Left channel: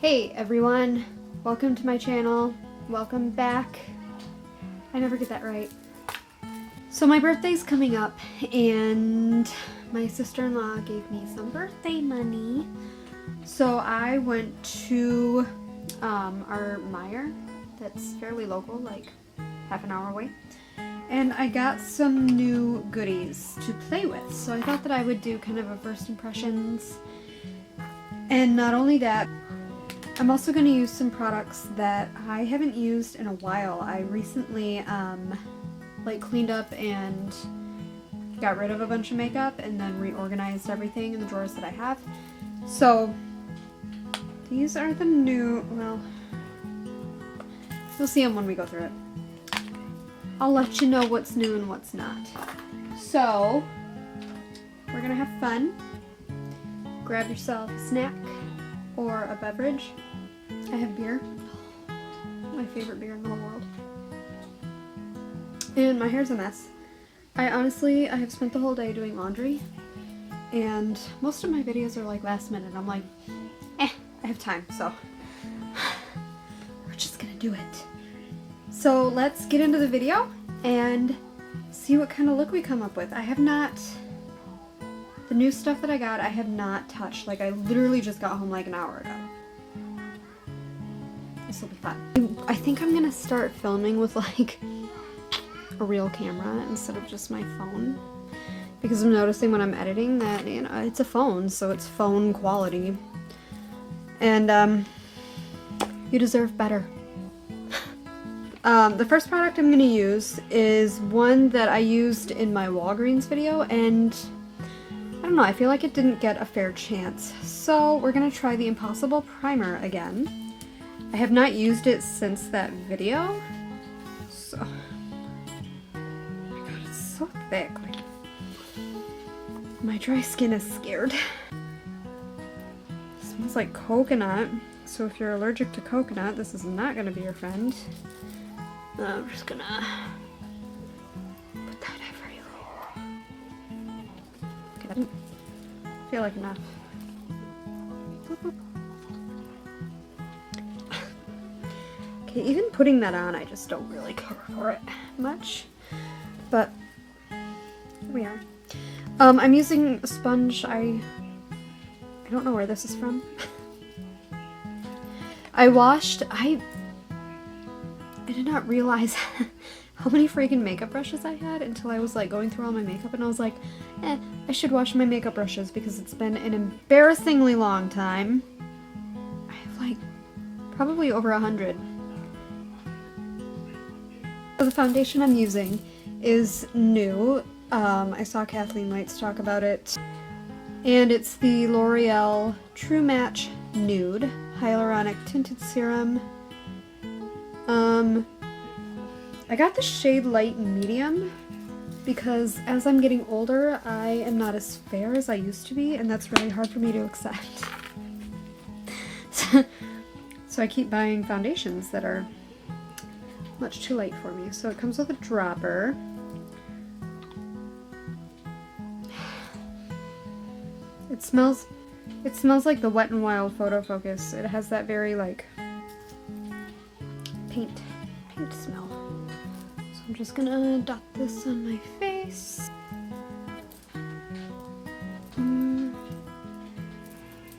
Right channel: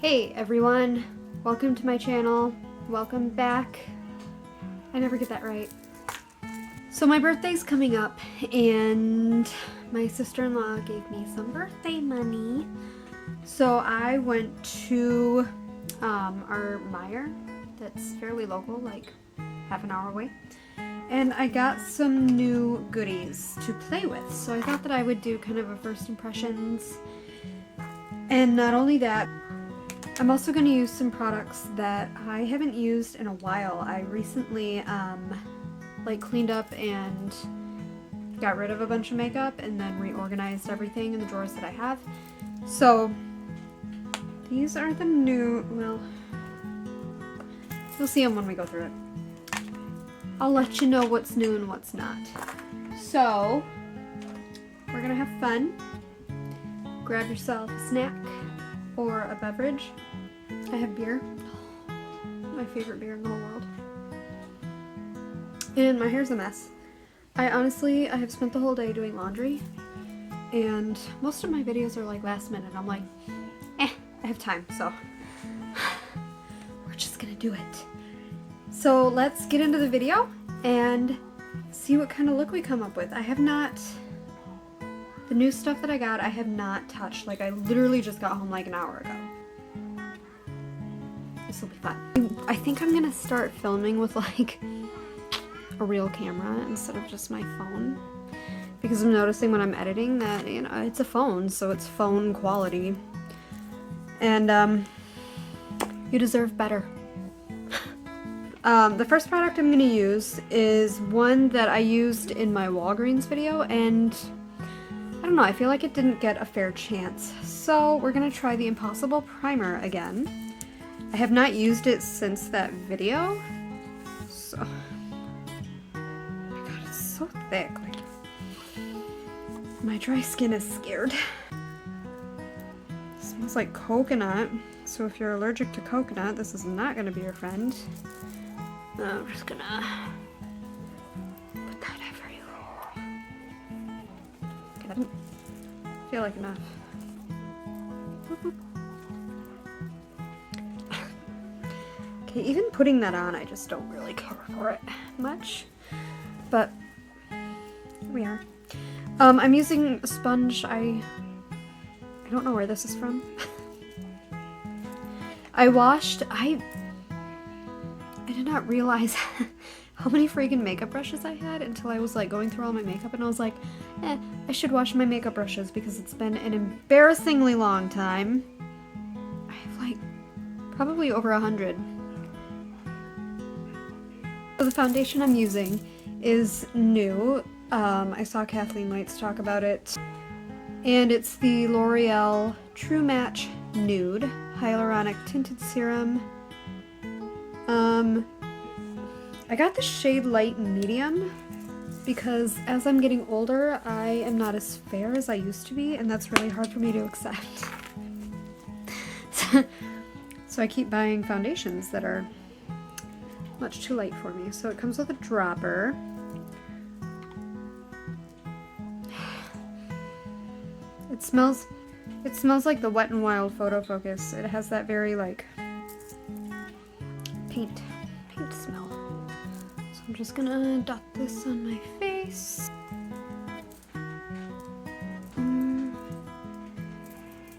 Hey everyone, welcome to my channel, welcome back. I never get that right. So my birthday's coming up and my sister-in-law gave me some birthday money. So I went to our Meijer that's fairly local, like half an hour away. And I got some new goodies to play with. So I thought that I would do kind of a first impressions. And not only that, I'm also going to use some products that I haven't used in a while. I recently like cleaned up and got rid of a bunch of makeup and then reorganized everything in the drawers that I have. So these are the new, well, you'll see them when we go through it. I'll let you know what's new and what's not. So we're going to have fun. Grab yourself a snack or a beverage. I have beer. My favorite beer in the whole world. And my hair's a mess. I have spent the whole day doing laundry. And most of my videos are like last minute. I'm like, I have time, so we're just gonna do it. So let's get into the video and see what kind of look we come up with. The new stuff that I got, I have not touched. Like, I literally just got home like an hour ago. This will be fun. I think I'm gonna start filming with like a real camera instead of just my phone. Because I'm noticing when I'm editing that, you know, it's a phone, so it's phone quality. And you deserve better. The first product I'm gonna use is one that I used in my Walgreens video, and I don't know, I feel like it didn't get a fair chance. So we're gonna try the Impossible Primer again. I have not used it since that video. So, oh my god, it's so thick. Like, my dry skin is scared. It smells like coconut. So if you're allergic to coconut, this is not gonna be your friend. I'm just gonna put that everywhere. Okay, that didn't feel like enough. Okay, even putting that on, I just don't really care for it much. But here we are. I'm using a sponge. I don't know where this is from. I did not realize how many freaking makeup brushes I had until I was like going through all my makeup, and I was like, I should wash my makeup brushes because it's been an embarrassingly long time. I have like probably over 100. So the foundation I'm using is new. I saw Kathleen Lights talk about it. And it's the L'Oreal True Match Nude Hyaluronic Tinted Serum. I got the shade Light Medium because as I'm getting older, I am not as fair as I used to be, and that's really hard for me to accept. So I keep buying foundations that are much too light for me. So it comes with a dropper. It smells like the Wet n Wild Photo Focus. It has that very like paint smell. So I'm just gonna dot this on my face. You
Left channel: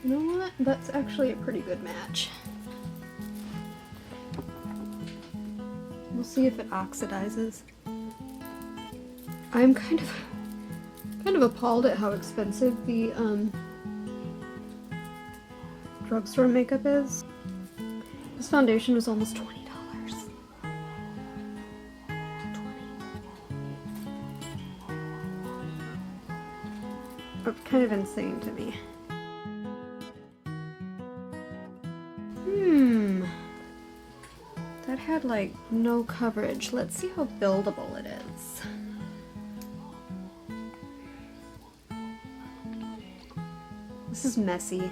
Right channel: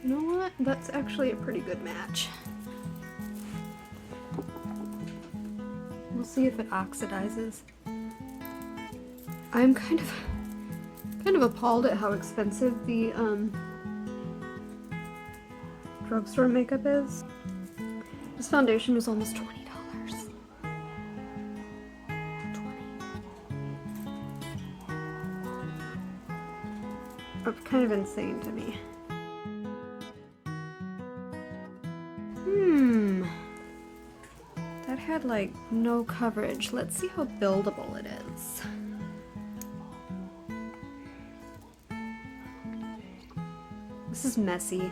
know what? That's actually a pretty good match. We'll see if it oxidizes. I'm kind of appalled at how expensive the drugstore makeup is. This foundation was almost $20. That's kind of insane to me. That had like no coverage. Let's see how buildable it is. This is messy.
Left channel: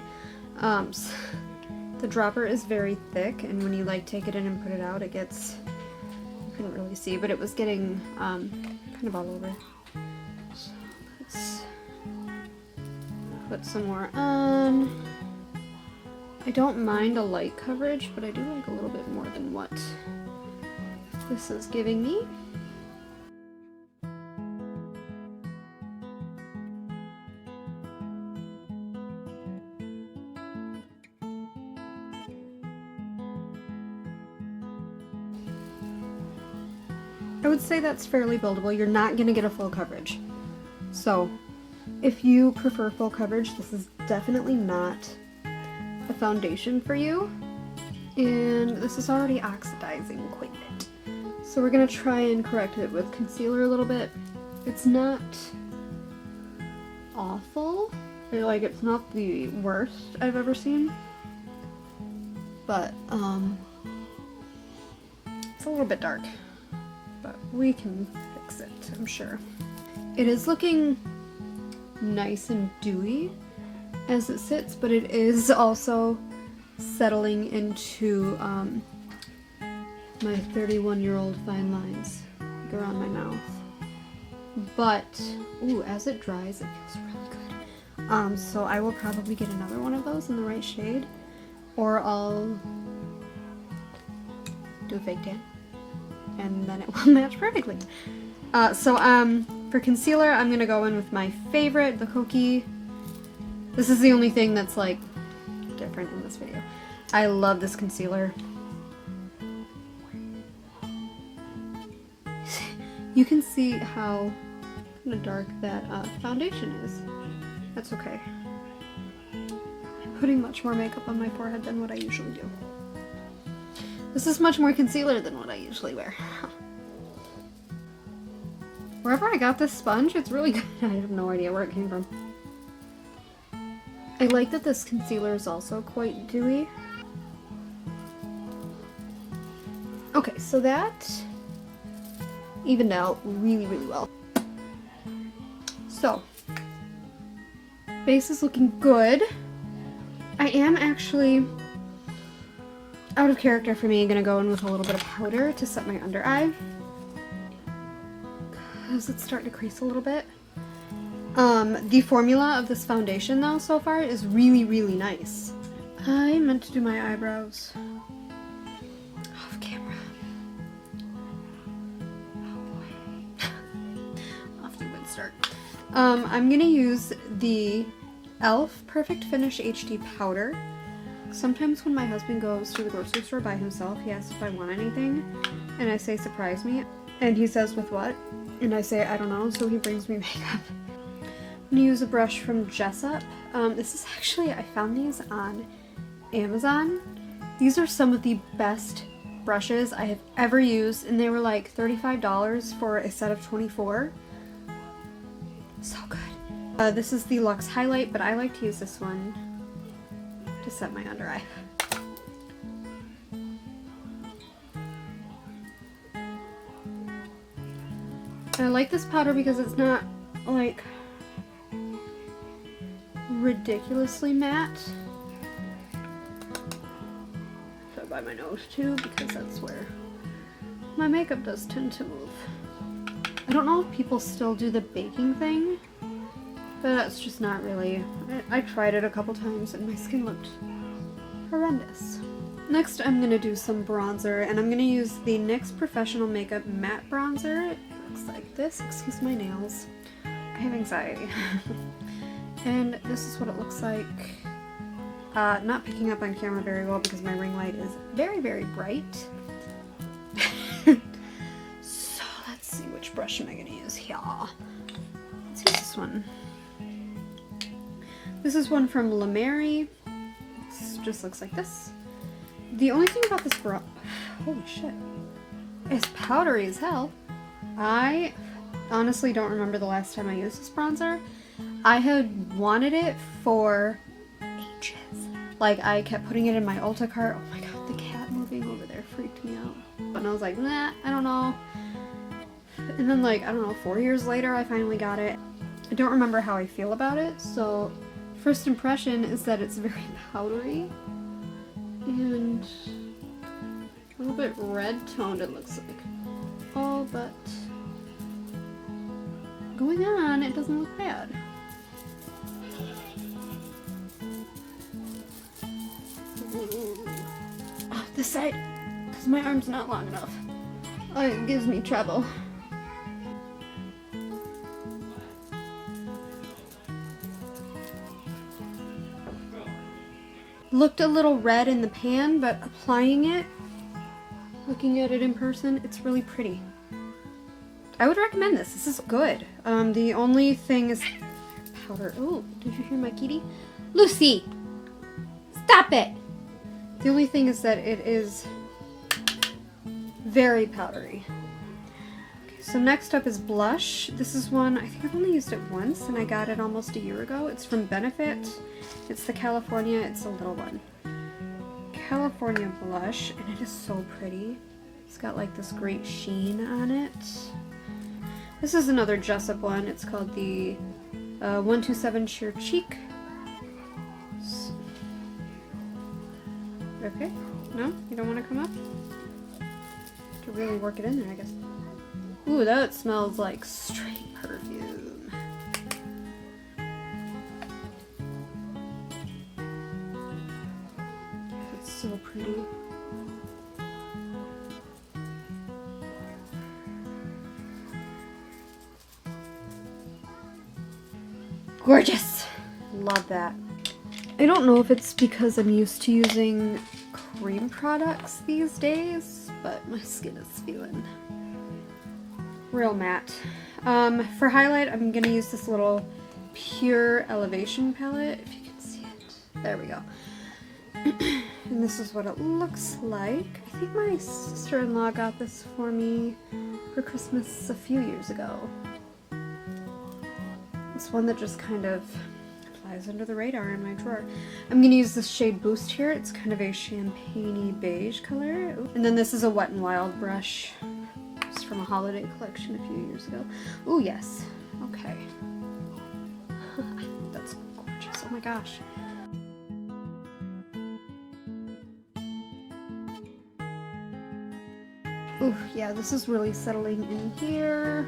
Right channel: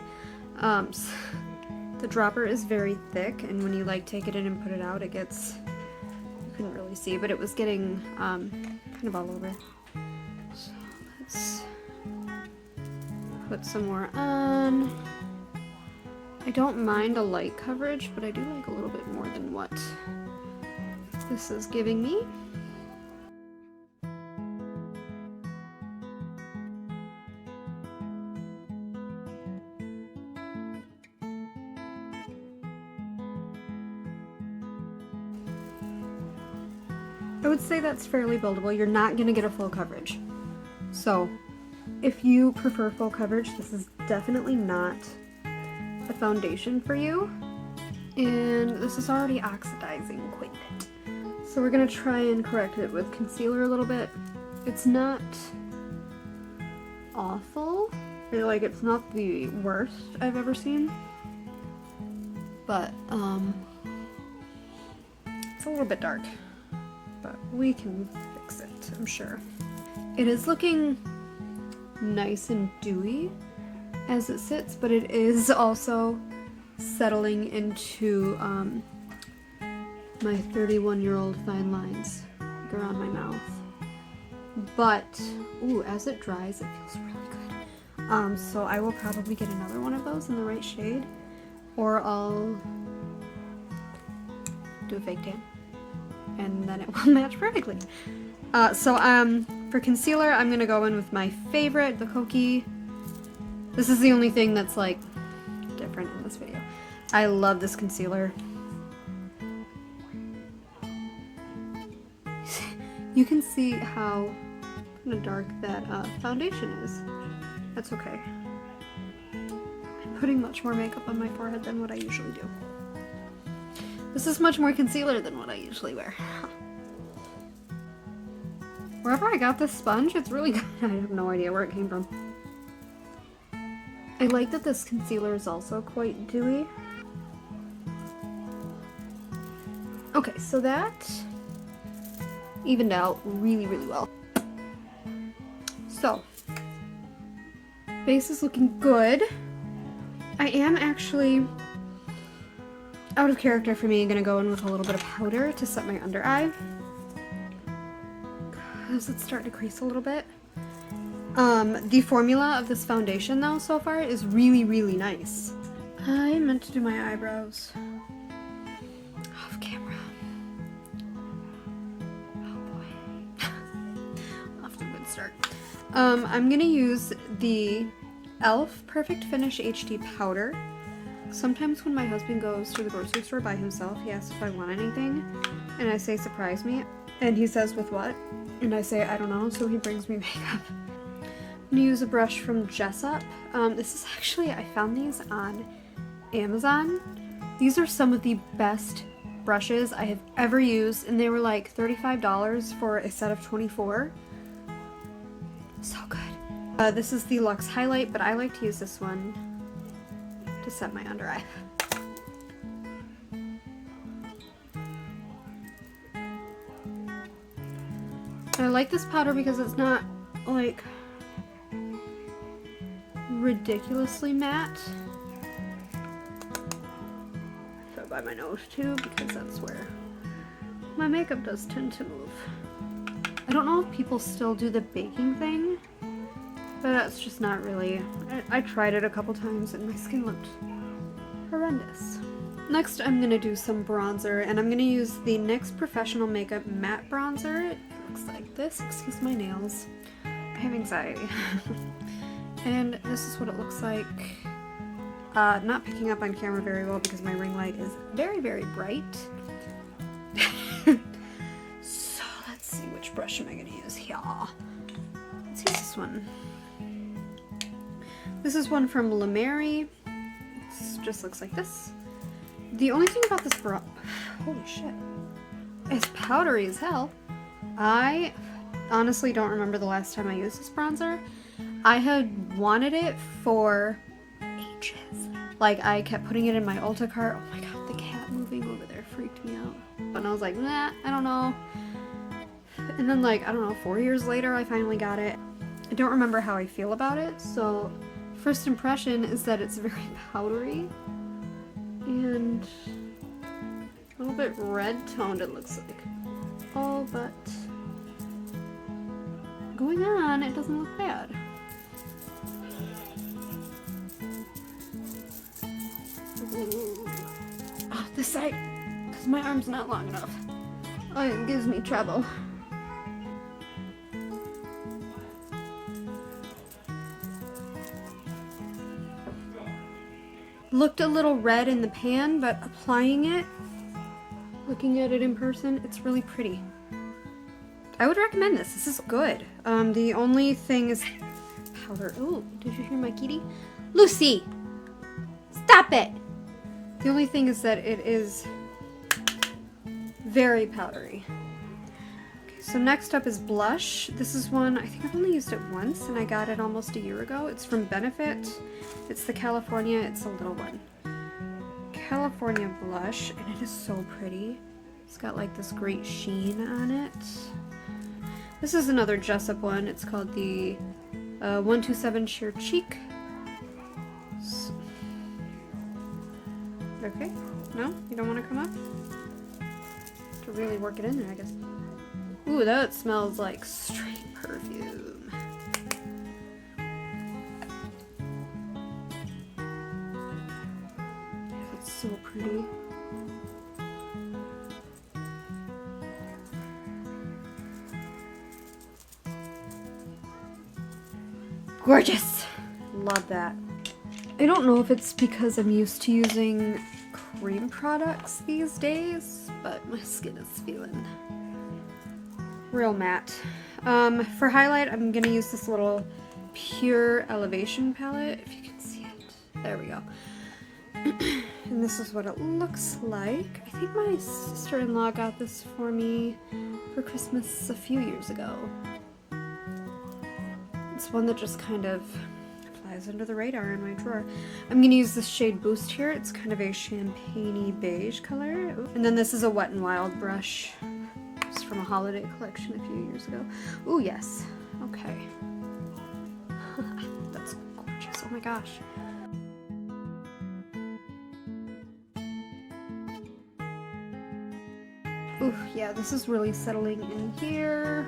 The dropper is very thick, and when you like take it in and put it out, it gets, you couldn't really see, but it was getting kind of all over. So let's put some more on. I don't mind a light coverage, but I do like a little bit more than what this is giving me. I would say that's fairly buildable. You're not going to get a full coverage. So if you prefer full coverage, this is definitely not a foundation for you. And this is already oxidizing quite a bit. So we're going to try and correct it with concealer a little bit. It's not awful. Like, it's not the worst I've ever seen. But it's a little bit dark. But we can fix it, I'm sure. It is looking nice and dewy as it sits, but it is also settling into my 31-year-old fine lines around my mouth. But, ooh, as it dries, it feels really good. So I will probably get another one of those in the right shade, or I'll do a fake tan, and then it will match perfectly. For concealer, I'm gonna go in with my favorite, the Kokie. This is the only thing that's like different in this video. I love this concealer. You can see how kind of dark that foundation is. That's okay. I'm putting much more makeup on my forehead than what I usually do. This is much more concealer than what I usually wear. Wherever I got this sponge, it's really good. I have no idea where it came from. I like that this concealer is also quite dewy. Okay, so that evened out really, really well. So, base is looking good. I am actually, out of character for me, gonna go in with a little bit of powder to set my under eye. Because it's starting to crease a little bit. The formula of this foundation though so far is really, really nice. I meant to do my eyebrows off camera. Oh boy. Off to a good start. I'm gonna use the e.l.f. Perfect Finish HD powder. Sometimes when my husband goes to the grocery store by himself, he asks if I want anything, and I say surprise me, and he says with what? And I say I don't know, so he brings me makeup. I'm gonna use a brush from Jessup. This is actually, I found these on Amazon. These are some of the best brushes I have ever used, and they were like $35 for a set of 24. So good. This is the Luxe Highlight, but I like to use this one to set my under eye. I like this powder because it's not like ridiculously matte. So by my nose too, because that's where my makeup does tend to move. I don't know if people still do the baking thing, but that's just not really. I tried it a couple times and my skin looked horrendous. Next I'm going to do some bronzer, and I'm going to use the NYX Professional Makeup Matte Bronzer. It looks like this. Excuse my nails. I have anxiety. And this is what it looks like. Not picking up on camera very well because my ring light is very, very bright. So let's see, which brush am I going to use here? Let's use this one. This is one from La Mer. It just looks like this. The only thing about this brush, holy shit, it's powdery as hell. I honestly don't remember the last time I used this bronzer. I had wanted it for ages. Like, I kept putting it in my Ulta cart. Oh my god, the cat moving over there freaked me out. And I was like, nah, I don't know. And then like, I don't know, 4 years later I finally got it. I don't remember how I feel about it, so first impression is that it's very powdery and a little bit red toned, it looks like. Oh, but going on, it doesn't look bad. Oh, this side, because my arm's not long enough. Oh, it gives me trouble. Looked a little red in the pan, but applying it, looking at it in person, it's really pretty. I would recommend this. This is good. The only thing is powder. Oh, did you hear my kitty? Lucy! Stop it! The only thing is that it is very powdery. Okay, so next up is blush. This is one, I think I've only used it once, and I got it almost a year ago. It's from Benefit. It's the California, it's a little one. California blush, and it is so pretty. It's got like this great sheen on it. This is another Jessup one. It's called the 127 Sheer Cheek. Okay, no? You don't want to come up? To really work it in there, I guess. Ooh, that smells like straight perfume. It's so pretty. Gorgeous! Love that. I don't know if it's because I'm used to using cream products these days, but my skin is feeling real matte. For highlight, I'm going to use this little Pure Elevation palette, if you can see it. There we go. And this is what it looks like. I think my sister-in-law got this for me for Christmas a few years ago. It's one that just kind of flies under the radar in my drawer. I'm going to use this shade Boost here. It's kind of a champagne-y beige color. And then this is a Wet n Wild brush. It's from a holiday collection a few years ago. Ooh, yes. Okay. That's gorgeous. Oh my gosh. Ooh, yeah, this is really settling in here.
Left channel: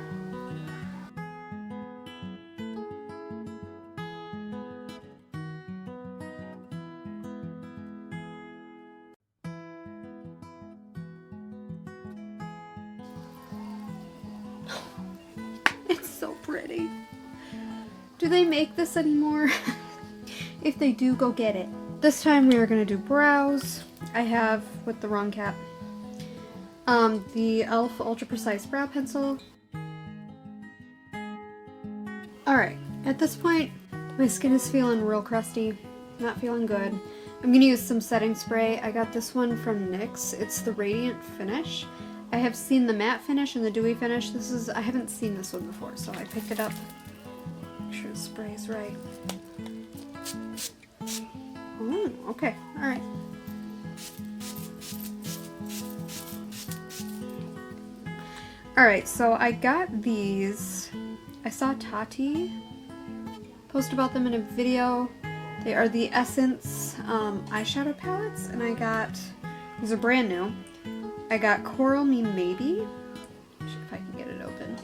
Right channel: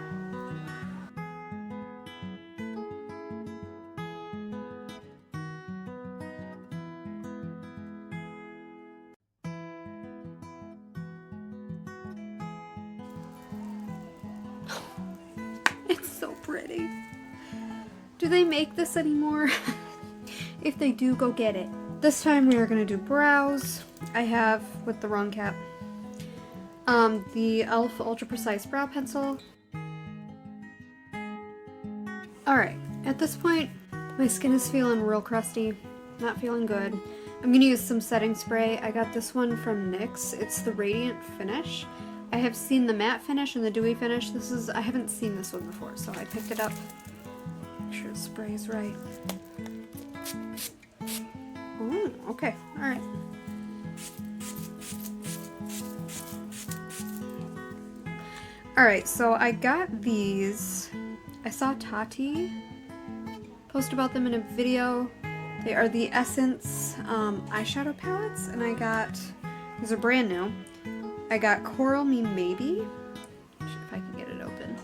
It's so pretty. Do they make this anymore? If they do, go get it. This time we are going to do brows. I have, with the wrong cap, the e.l.f. Ultra Precise Brow Pencil. Alright, at this point, my skin is feeling real crusty, not feeling good. I'm going to use some setting spray. I got this one from NYX. It's the Radiant Finish. I have seen the matte finish and the dewy finish. I haven't seen this one before, so I picked it up. Make sure the spray's right. Oh, okay, alright. Alright, so I got these. I saw Tati post about them in a video. They are the Essence eyeshadow palettes, and I got, these are brand new. I got Coral Me Maybe. If I can get it open.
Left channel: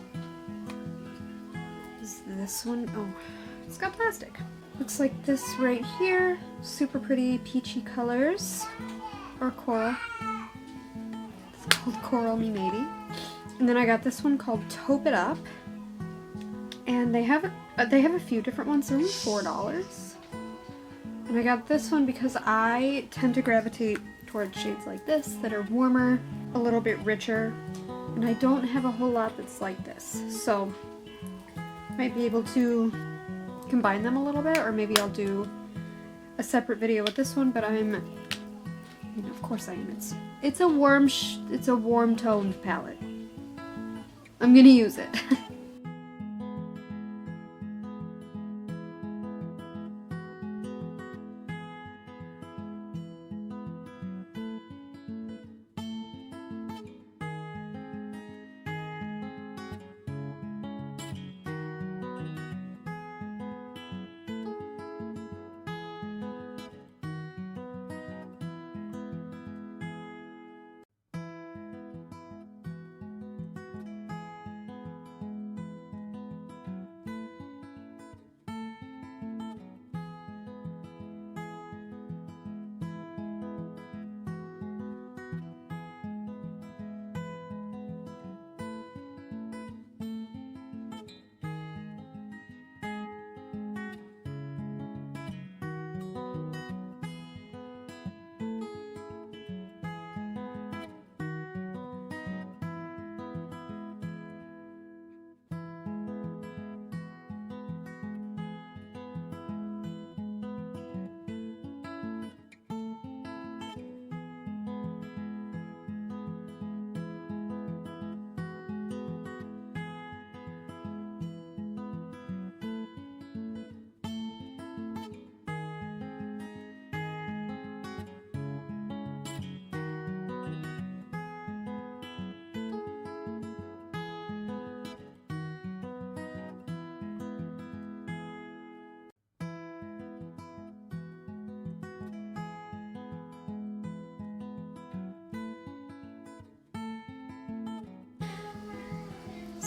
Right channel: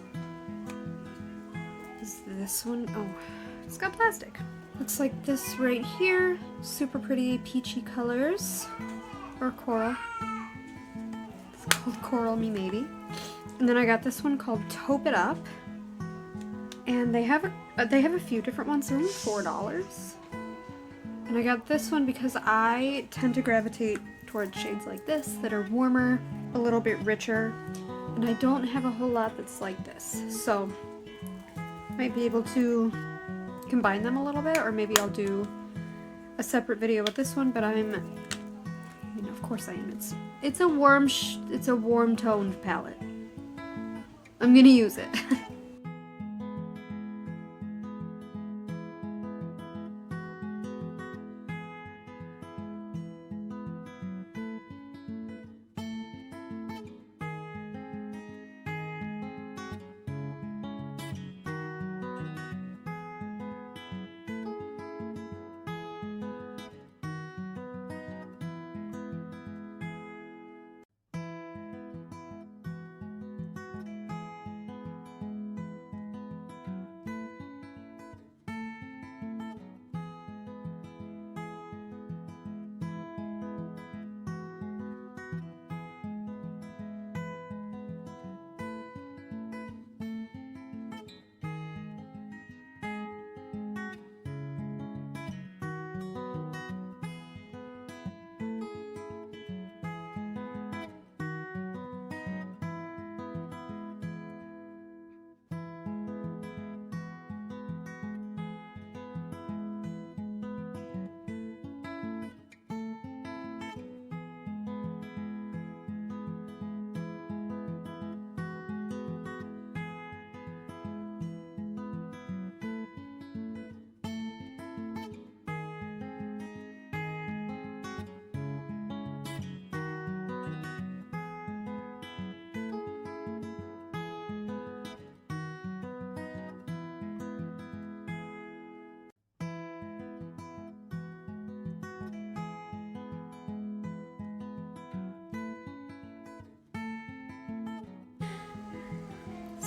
Is this one? Oh, it's got plastic. Looks like this right here. Super pretty peachy colors. Or coral. It's called Coral Me Maybe. And then I got this one called Taupe It Up. And they have a few different ones. They're only $4. And I got this one because I tend to gravitate towards shades like this that are warmer, a little bit richer, and I don't have a whole lot that's like this. So I might be able to combine them a little bit, or maybe I'll do a separate video with this one, but of course I am. It's a warm toned palette. I'm gonna use it.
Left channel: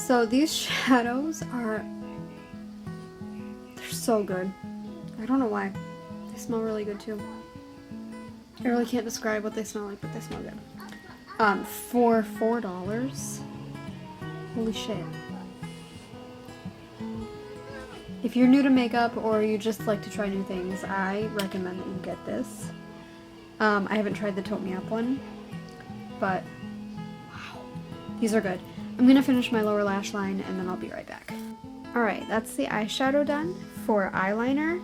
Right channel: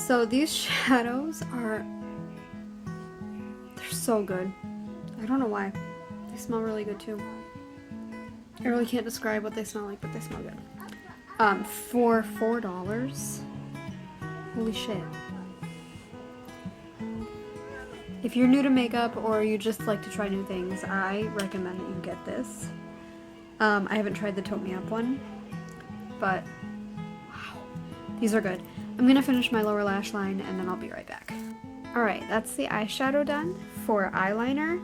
So these shadows are, they're so good. I don't know why. They smell really good too. I really can't describe what they smell like, but they smell good. For $4. Holy shit. If you're new to makeup or you just like to try new things, I recommend that you get this. I haven't tried the Tote Me Up one, but wow, these are good. I'm gonna finish my lower lash line and then I'll be right back. Alright, that's the eyeshadow done. For eyeliner,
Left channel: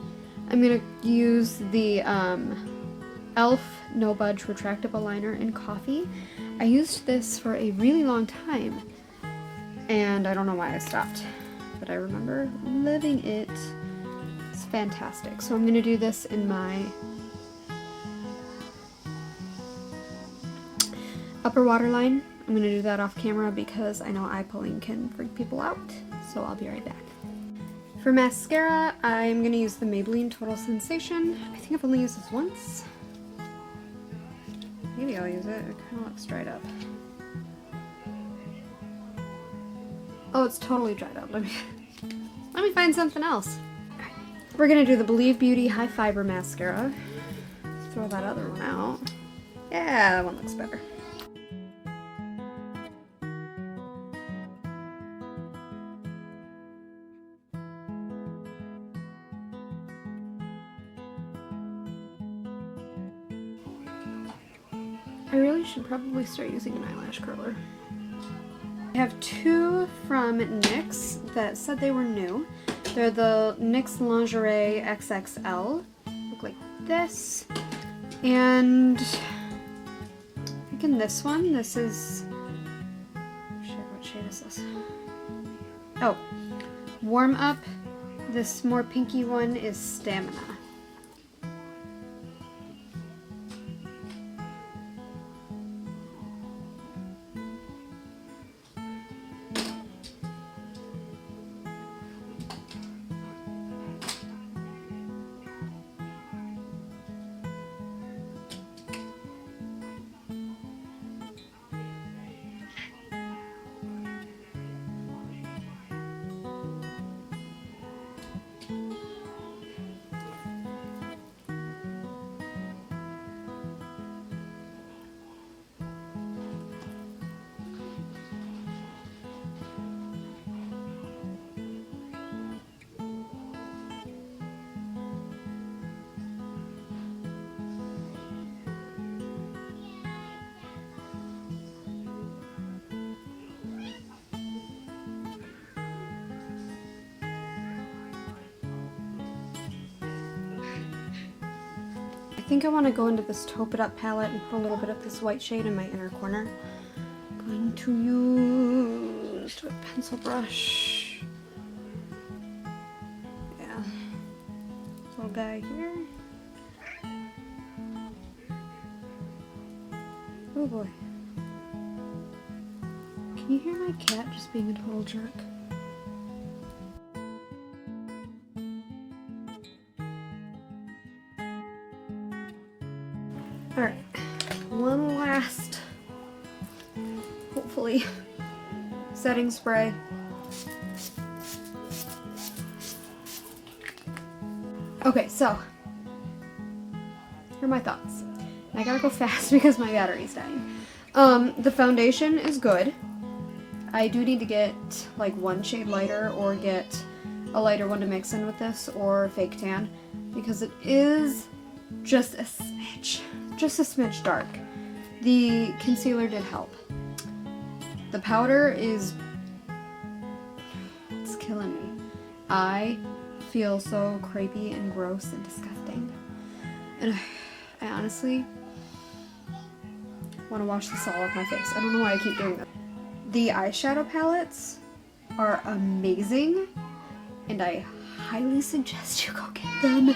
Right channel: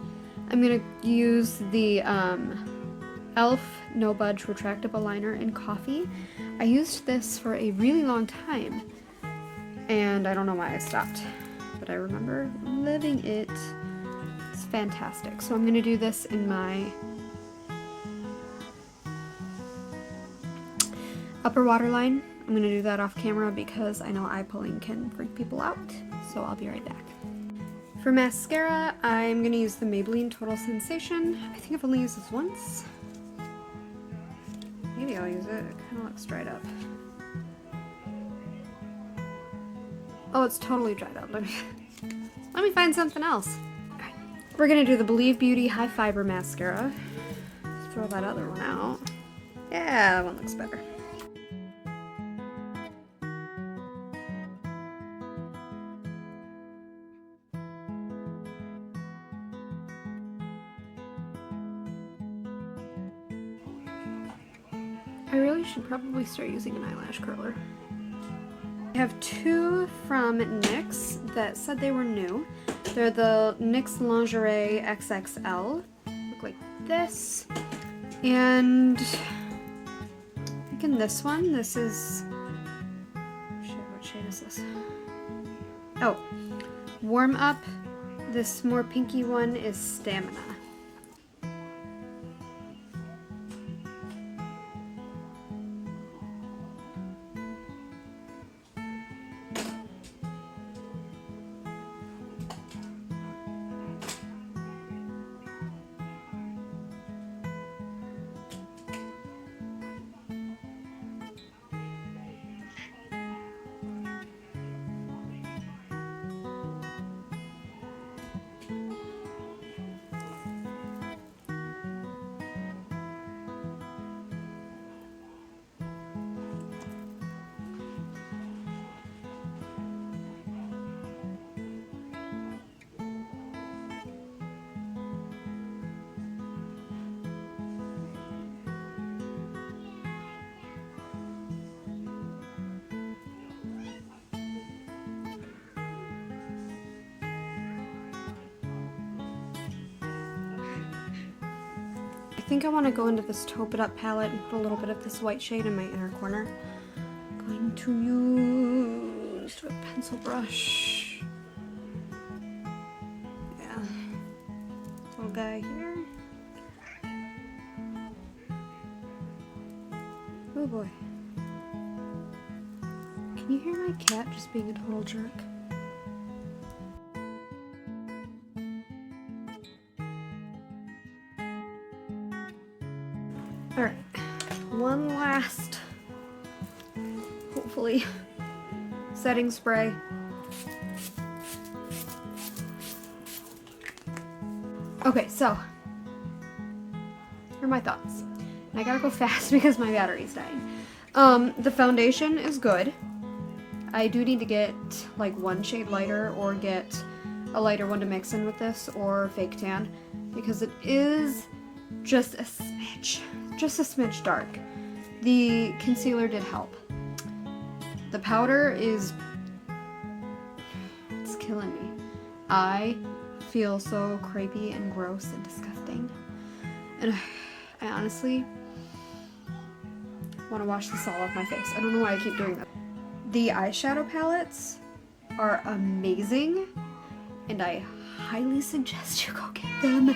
I'm gonna use the e.l.f. No Budge Retractable Liner in Coffee. I used this for a really long time, and I don't know why I stopped, but I remember loving it. It's fantastic. So I'm going to do this in my upper waterline. I'm going to do that off camera because I know eye pulling can freak people out, so I'll be right back. For mascara, I'm going to use the Maybelline Total Sensation. I think I've only used this once. Maybe I'll use it. It kind of looks dried up. Oh, it's totally dried up. Let me find something else. We're gonna do the Believe Beauty High Fiber Mascara. Throw that other one out. Yeah, that one looks better. I really should probably start using an eyelash curler. I have two from NYX that said they were new. They're the NYX Lingerie XXL. Look like this. And I think in this one, this is, what shade is this? Oh, Warm Up. This more pinky one is Stamina. I think I want to go into this Taupe It Up palette and put a little bit of this white shade in my inner corner. I'm going to use a pencil brush. Yeah. This little guy here. Oh boy. Can you hear my cat just being a total jerk? Alright, one last, hopefully, setting spray. Okay, so, here are my thoughts. I gotta go fast because my battery's dying. The foundation is good. I do need to get like one shade lighter or get a lighter one to mix in with this or fake tan because it is just a smidge dark. The concealer did help. The powder is, it's killing me. I feel so crepey and gross and disgusting. And I honestly want to wash this all off my face. I don't know why I keep doing that. The eyeshadow palettes are amazing and I highly suggest you go get them.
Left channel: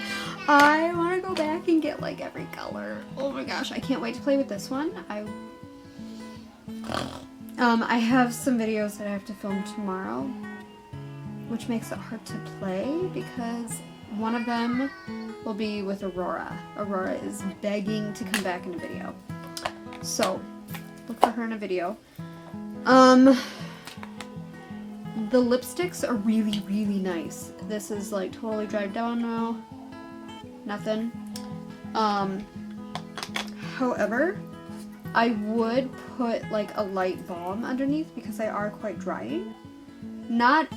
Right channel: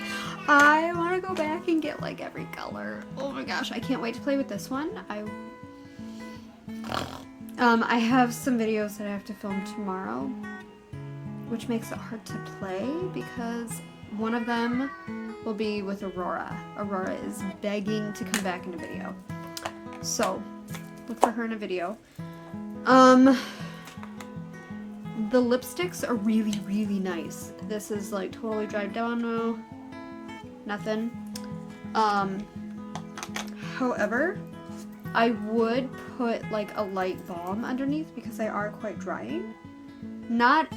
I want to go back and get like every color. Oh my gosh, I can't wait to play with this one. I have some videos that I have to film tomorrow, which makes it hard to play because one of them will be with Aurora. Aurora is begging to come back in a video. So, look for her in a video. The lipsticks are really, really nice. This is like totally dried down now. Nothing. However, I would put like a light balm underneath because they are quite drying. Not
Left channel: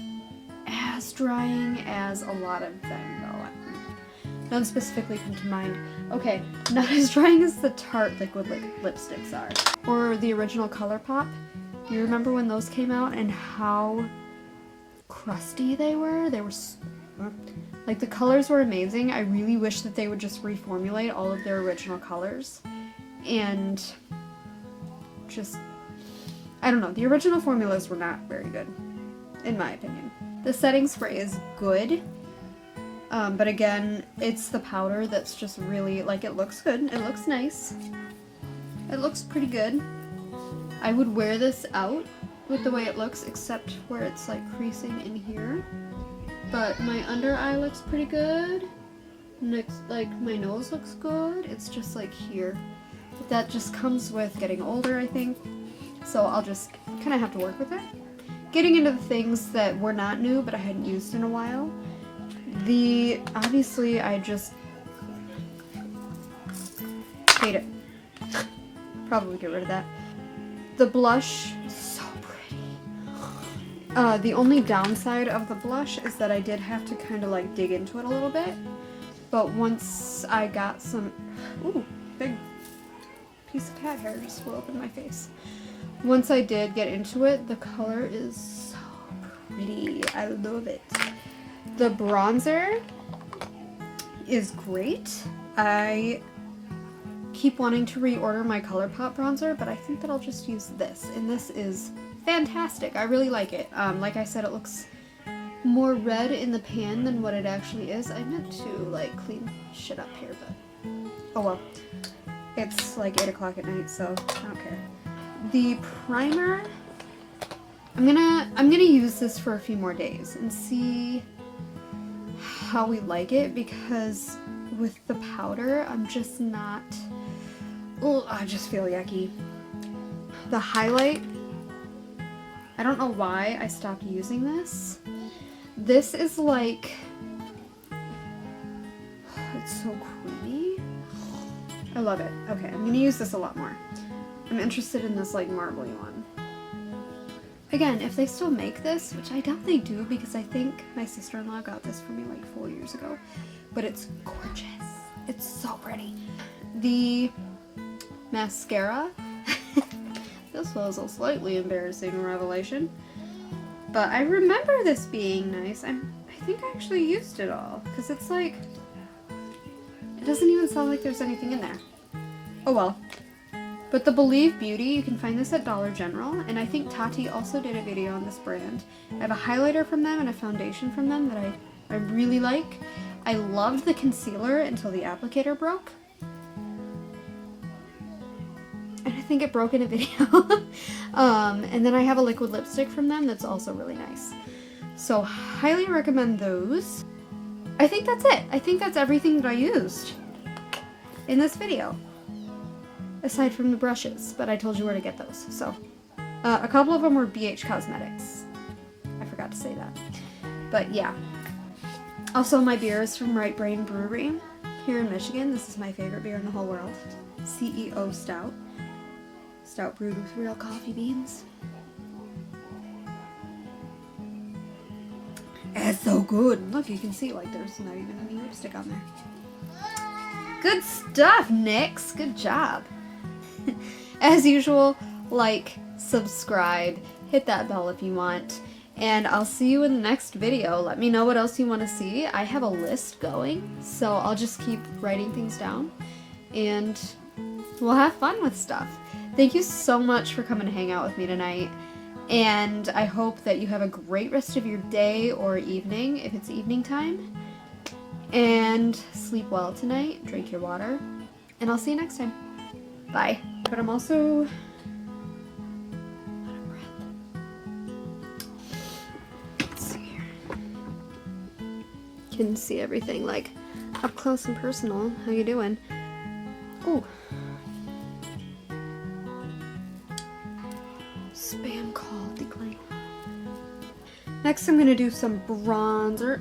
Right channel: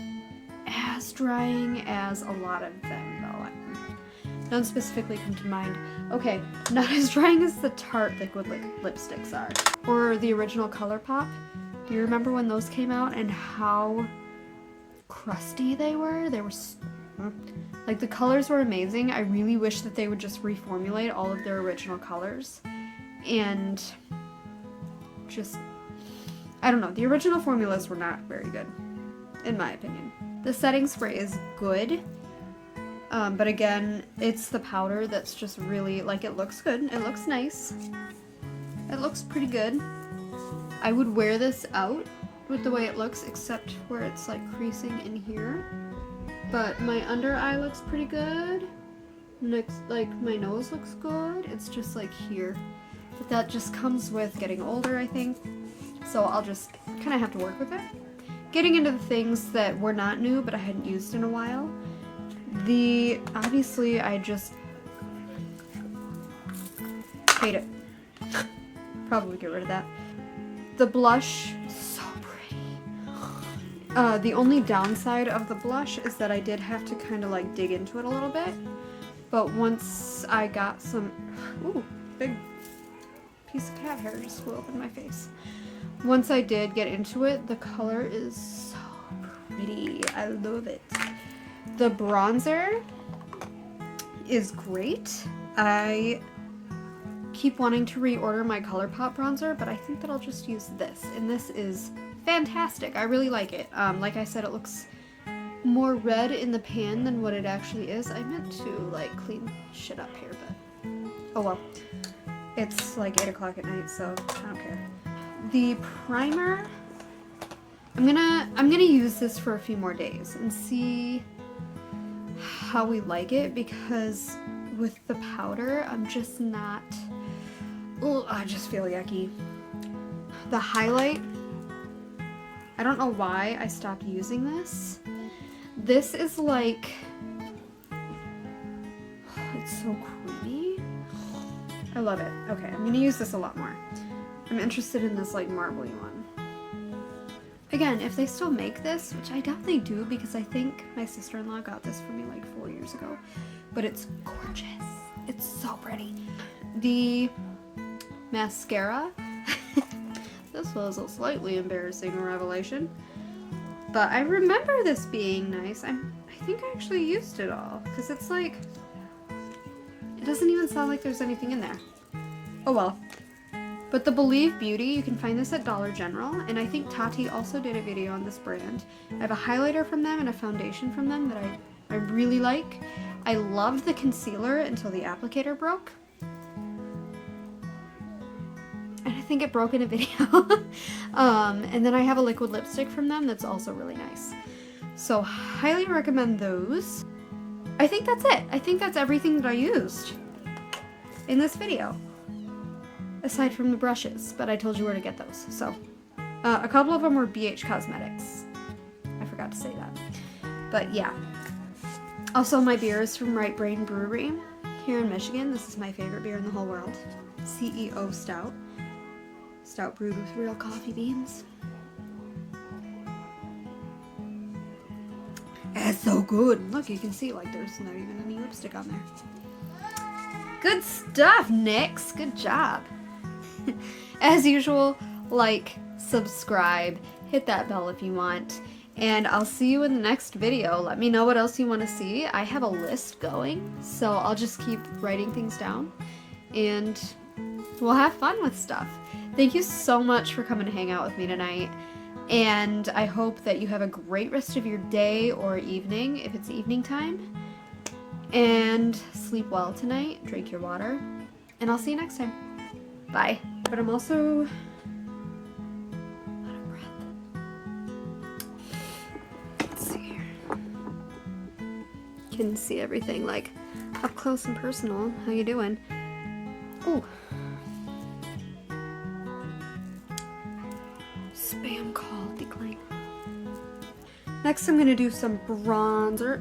as drying as a lot of them though. None specifically come to mind. Okay, not as drying as the Tarte liquid lipsticks are. Or the original ColourPop. You remember when those came out and how crusty they were? They were like, the colors were amazing. I really wish that they would just reformulate all of their original colors and just, I don't know, the original formulas were not very good in my opinion. The setting spray is good, but again, it's the powder that's just really, like, it looks good, it looks nice, it looks pretty good. I would wear this out with the way it looks, except where it's like creasing in here. But my under eye looks pretty good. Next, like, my nose looks good. It's just like here. But that just comes with getting older, I think. So I'll just kind of have to work with it. Getting into the things that were not new, but I hadn't used in a while. Obviously, I just hate it. Probably get rid of that. The blush, so pretty. The only downside of the blush is that I did have to kind of like dig into it a little bit. But once I got some, ooh, big piece of cat hair just flew up in my face. Once I did get into it, the color is so pretty. I love it. The bronzer is great. I keep wanting to reorder my ColourPop bronzer, but I think that I'll just use this, and this is fantastic. I really like it. Like I said, it looks more red in the pan than what it actually is. I meant to like clean shit up here, but oh well. It's like 8 o'clock at night, so I don't care. The primer, I'm gonna use this for a few more days and see how we like it, because with the powder, I'm just not, oh, I just feel yucky. The highlight, I don't know why I stopped using this. This is like, it's so creamy. I love it. Okay, I'm gonna use this a lot more. I'm interested in this like marbly one. Again, if they still make this, which I doubt they do because I think my sister-in-law got this for me like 4 years ago, but it's gorgeous. It's so pretty. The mascara, this was a slightly embarrassing revelation, but I remember this being nice. I think I actually used it all, because it's like, it doesn't even sound like there's anything in there. Oh well. But the Believe Beauty, you can find this at Dollar General, and I think Tati also did a video on this brand. I have a highlighter from them and a foundation from them that I really like. I loved the concealer until the applicator broke. And I think it broke in a video. And then I have a liquid lipstick from them that's also really nice. So highly recommend those. I think that's it. I think that's everything that I used in this video. Aside from the brushes, but I told you where to get those. So a couple of them were BH Cosmetics. I forgot to say that. But yeah. Also, my beer is from Right Brain Brewery here in Michigan. This is my favorite beer in the whole world. CEO Stout. Stout brewed with real coffee beans. It's so good. Look, you can see like there's not even any lipstick on there. Good stuff, Nyx. Good job. As usual, like, subscribe, hit that bell if you want, and I'll see you in the next video. Let me know what else you want to see. I have a list going, so I'll just keep writing things down, and we'll have fun with stuff. Thank you so much for coming to hang out with me tonight, and I hope that you have a great rest of your day or evening, if it's evening time, and sleep well tonight, drink your water, and I'll see you next time. Bye. But I'm also out of breath. Let's see here. You can see everything like up close and personal. How you doing? Oh. Spam call decline. Next I'm going to do some bronzer.